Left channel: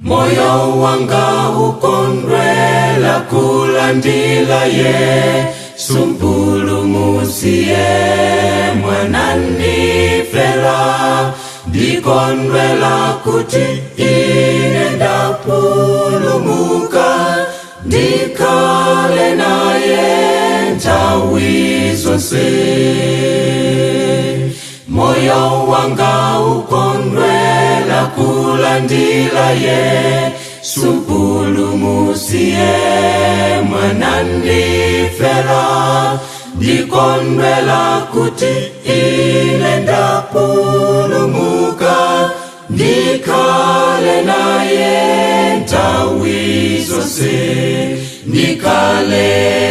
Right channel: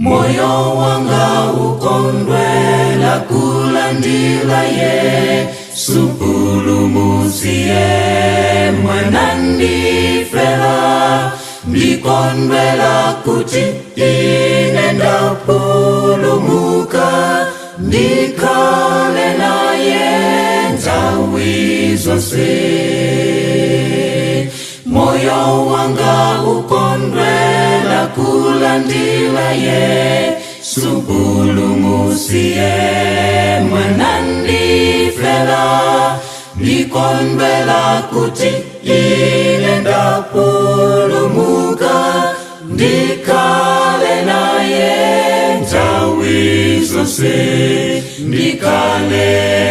Moyo wanga ukondwela kulandila Yesu mpulumusiye mwanandifera. Ndikondwela kuti ine ndapulumuka, ndikale naye nthawi zonse. Moyo wanga ukondwela kulandila Yesu mpulumusiye mwanandifera. Ndikondwela kuti ine ndapulumuka, ndikale naye nthawi zonse. Ndikale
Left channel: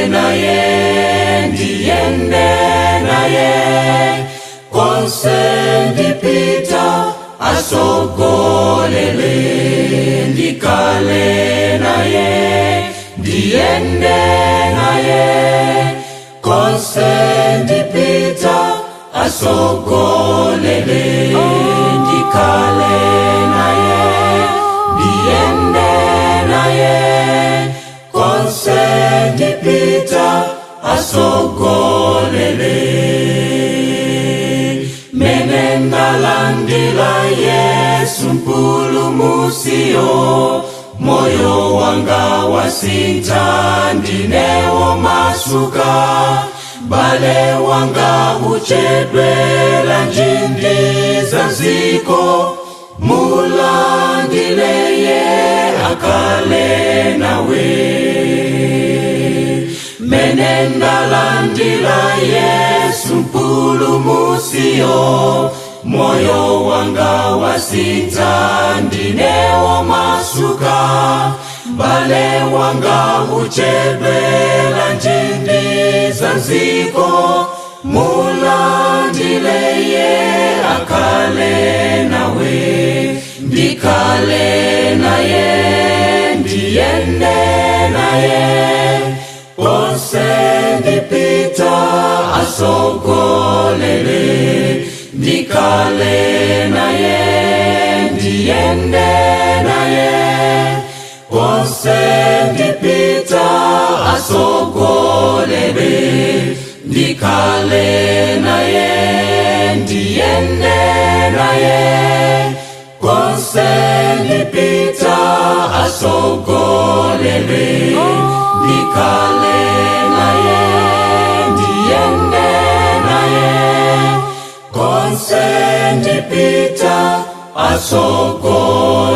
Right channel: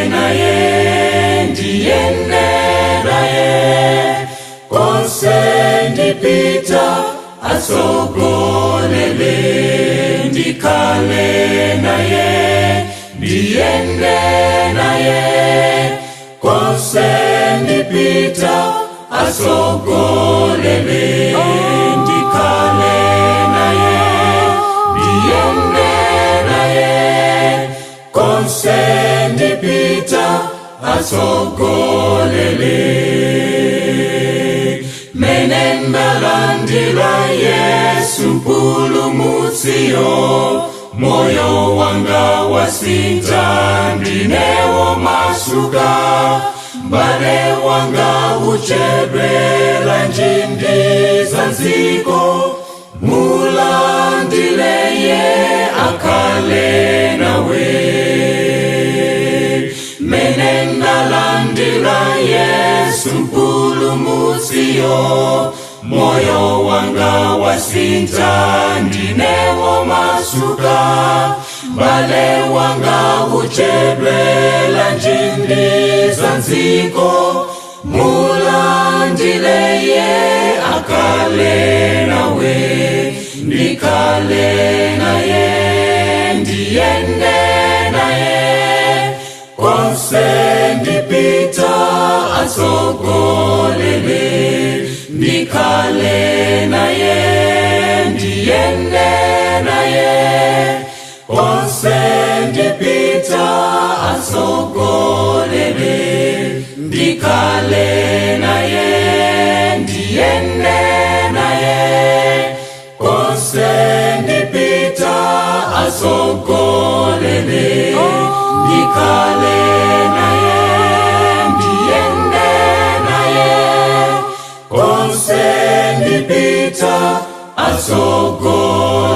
naye, ndiyende naye, konse ndipita asogolele. Ndikale naye, ndiyende naye, konse ndipita asogolele. Ndikale naye, ndiyende naye, konse ndipita asogolele. Menendalandila Yesu mpulumusiyo, moyo wanga wasintha ndinewo masuka. Bale wanga uchebela njindi za ziko, mulandile ye akale nawe. Menendalandila Yesu mpulumusiyo, moyo wanga wasintha ndinewo masuka. Bale wanga uchebela njindi za ziko, mulandile ye akale nawe. Ndikale naye, ndiyende naye, konse ndipita asogolele. Ndikale naye, ndiyende naye, konse ndipita asogolele. Ndikale naye, ndiyende naye, konse ndipita asogolele. Ndikale naye, ndiyende naye, konse ndipita asogolele.